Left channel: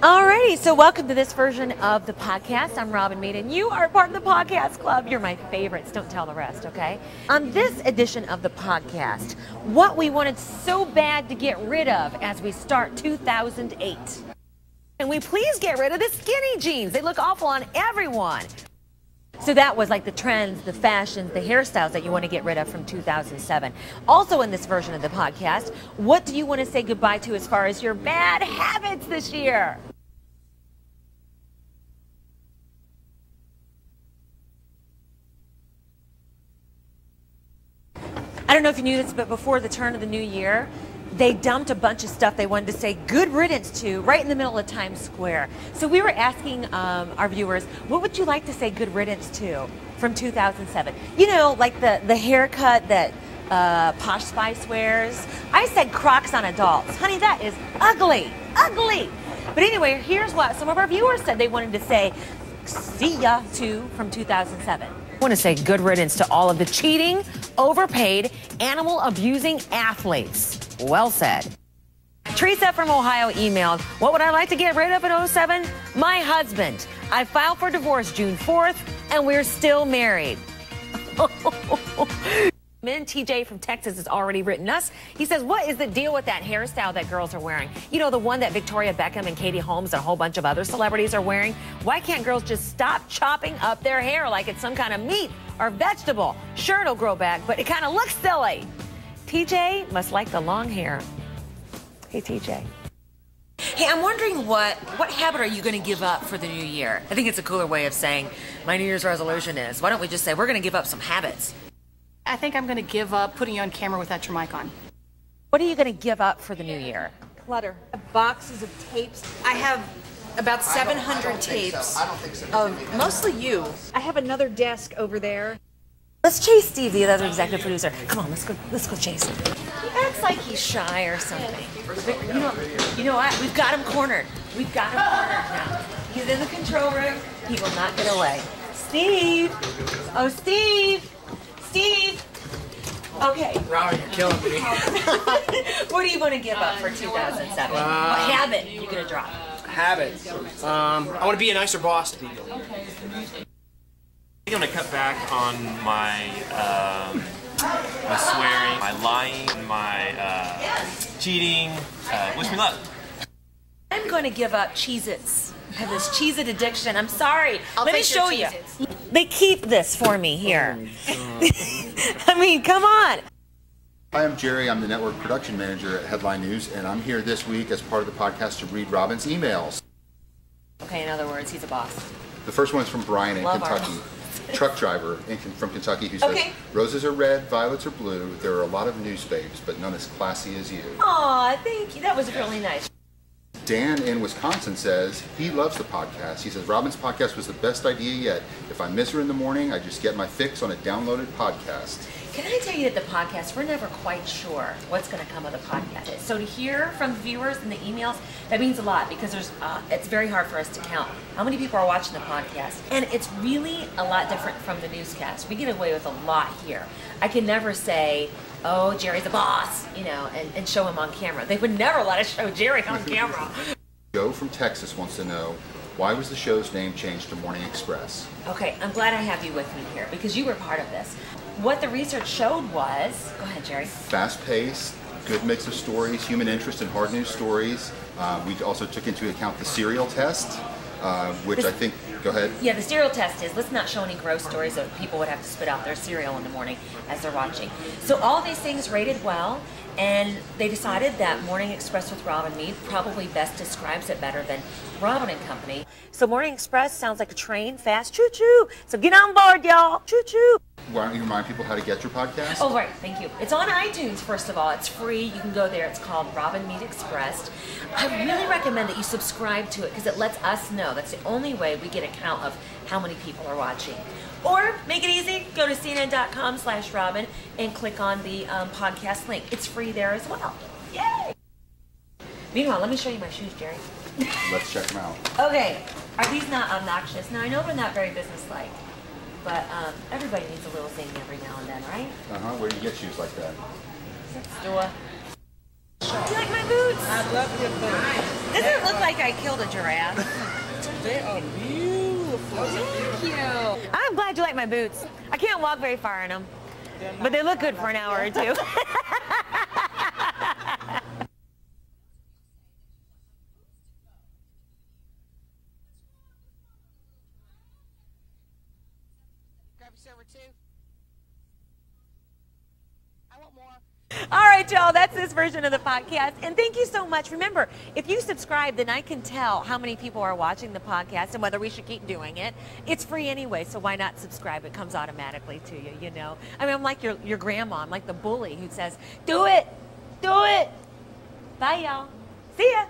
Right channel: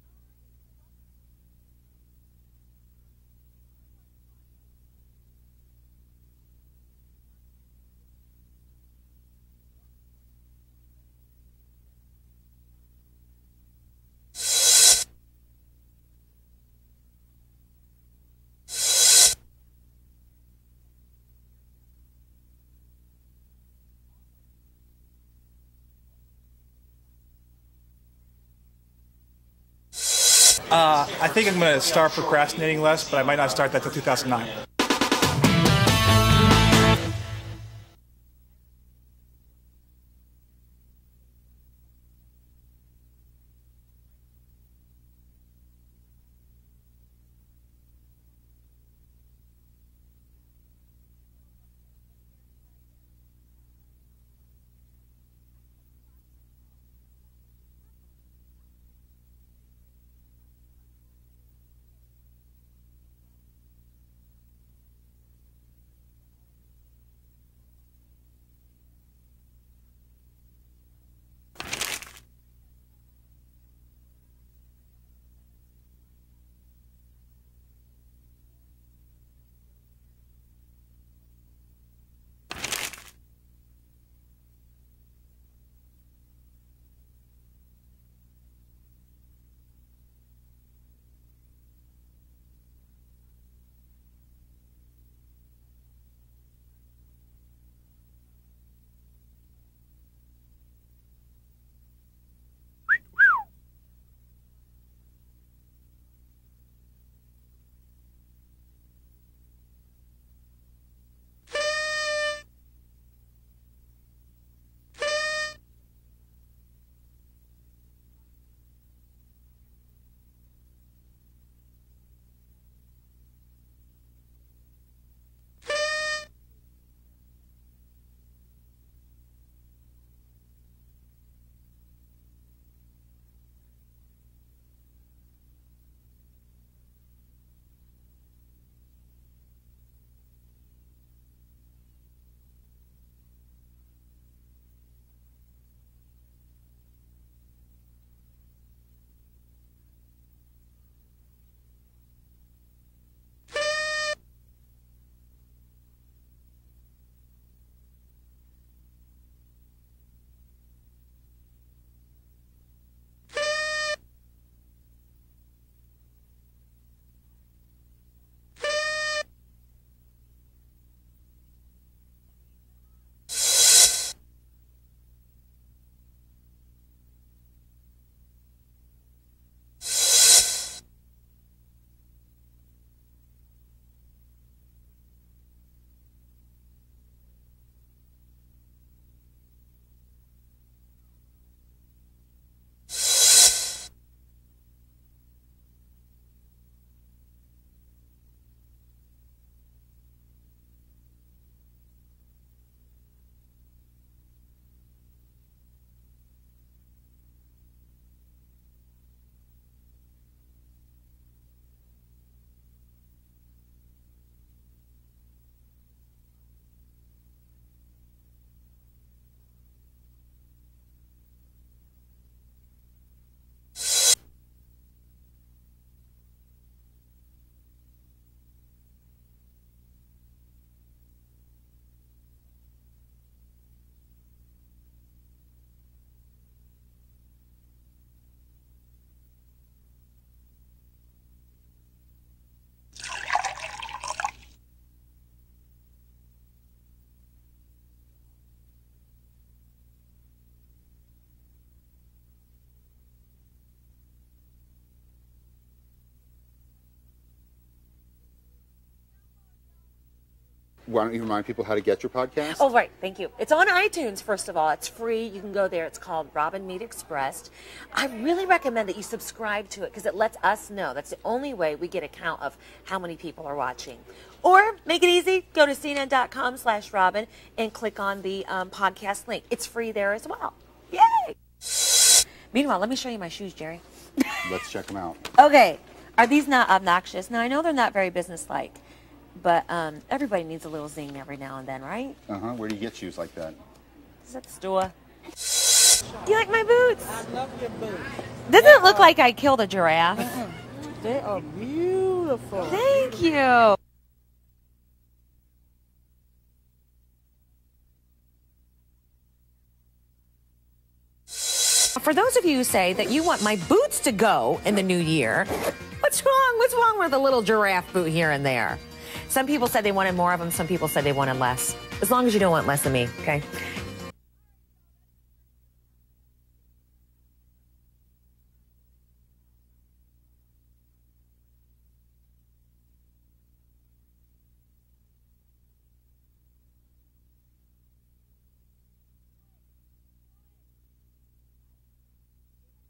Alrighty, so welcome to this version of the podcast. I'm Robin Meade, and you are part of the podcast club. You're my favorites. Don't tell the rest, okay? On this edition of the podcast, what we wanted so bad to get rid of as we start 2008. Can we please get rid of the skinny jeans? They look awful on everyone. So that was like the trends, the fashions, the hairstyles that you want to get rid of from 2007. Also in this version of the podcast, what do you want to say goodbye to as far as your bad habits this year? I think I'm going to start procrastinating less, but I might not start that till 2009. I don't know if you knew this, but before the turn of the new year, they dumped a bunch of stuff they wanted to say good riddance to right in the middle of Times Square. So we were asking our viewers, what would you like to say good riddance to from 2007? You know, like the haircut that Posh Spice wears. I said Crocs on adults. Honey, that is ugly, ugly. But anyway, here's what some of our viewers said they wanted to say see ya to from 2007. I want to say good riddance to all of the cheating, overpaid, animal-abusing athletes. Well said. Teresa from Ohio emailed, what would I like to get rid of in 07? My husband. I filed for divorce June 4th, and we're still married. Then TJ from Texas has already written us. He says, what is the deal with that hairstyle that girls are wearing? You know, the one that Victoria Beckham and Katie Holmes and a whole bunch of other celebrities are wearing? Why can't girls just stop chopping up their hair like it's some kind of meat or vegetable? Sure, it'll grow back, but it kind of looks silly. TJ must like the long hair. Hey, TJ. Hey, I'm wondering what habit are you going to give up for the new year? I think it's a cooler way of saying my New Year's resolution is, why don't we just say we're going to give up some habits? I think I'm going to give up putting you on camera without your mic on. What are you going to give up for the new year? Clutter. Boxes of tapes. I have about 700 tapes of mostly you. I have another desk over there. Let's chase Steve, the other executive producer. Come on, let's go chase him. He acts like he's shy or something. You know what? We've got him cornered. We've got him cornered now. He's in the control room. He will not get away. Steve! Oh, Steve! Steve! Okay. Robin, you're killing me. What do you want to give up for 2007? What habit are you going to drop? Habit. I want to be a nicer boss to people. I'm going to cut back on my swearing, my lying, my cheating. Wish me luck. I'm going to give up Cheez-Its. I have this Cheez-It addiction. I'm sorry. Let me show you. They keep this for me here. I mean, come on. Hi, I'm Jerry. I'm the network production manager at Headline News, and I'm here this week as part of the podcast to read Robin's emails. Okay, in other words, he's a boss. The first one is from Brian in Kentucky. Truck driver from Kentucky who says, roses are red, violets are blue. There are a lot of news babes, but none as classy as you. Aw, thank you. That was really nice. Dan in Wisconsin says he loves the podcast. He says, Robin's podcast was the best idea yet. If I miss her in the morning, I just get my fix on a downloaded podcast. Can I tell you that the podcast, we're never quite sure what's going to come of the podcast. So to hear from viewers and the emails, that means a lot because it's very hard for us to count how many people are watching the podcast. And it's really a lot different from the newscast. We get away with a lot here. I can never say, oh, Jerry's a boss, you know, and show him on camera. They would never let us show Jerry on camera. Joe from Texas wants to know, why was the show's name changed to Morning Express? Okay, I'm glad I have you with me here because you were part of this. What the research showed was, go ahead, Jerry. Fast-paced, good mix of stories, human interest, and hard news stories. We also took into account the serial test, which I think, go ahead. Yeah, the serial test is, let's not show any gross stories that people would have to spit out their cereal in the morning as they're watching. So all these things rated well, and they decided that Morning Express with Robin Meade probably best describes it better than Robin and Company. So Morning Express sounds like a train, fast, choo-choo. So get on board, y'all, choo-choo. Why don't you remind people how to get your podcast? Oh, right. Thank you. It's on iTunes, first of all. It's free. You can go there. It's called Robin Meade Expressed. I really recommend that you subscribe to it because it lets us know. That's the only way we get a count of how many people are watching. Or make it easy. Go to cnn.com/Robin and click on the podcast link. It's free there as well. Yay! Meanwhile, let me show you my shoes, Jerry. Let's check them out. Okay. Are these not obnoxious? Now, I know they're not very businesslike. But everybody needs a little zing every now and then, right? Where do you get shoes like that? Store. Do you like my boots? I love your boots. Doesn't it look like I killed a giraffe? They are beautiful. Thank you. I'm glad you like my boots. I can't walk very far in them, but they look good for an hour or two. For those of you who say that you want my boots to go in the new year, what's wrong? What's wrong with a little giraffe boot here and there? Some people said they wanted more of them. Some people said they wanted less. As long as you don't want less of me, okay? All right, y'all, that's this version of the podcast. And thank you so much. Remember, if you subscribe, then I can tell how many people are watching the podcast and whether we should keep doing it. It's free anyway, so why not subscribe? It comes automatically to you, you know. I mean, I'm like your grandma. I'm like the bully who says, do it, do it. Bye, y'all. See ya.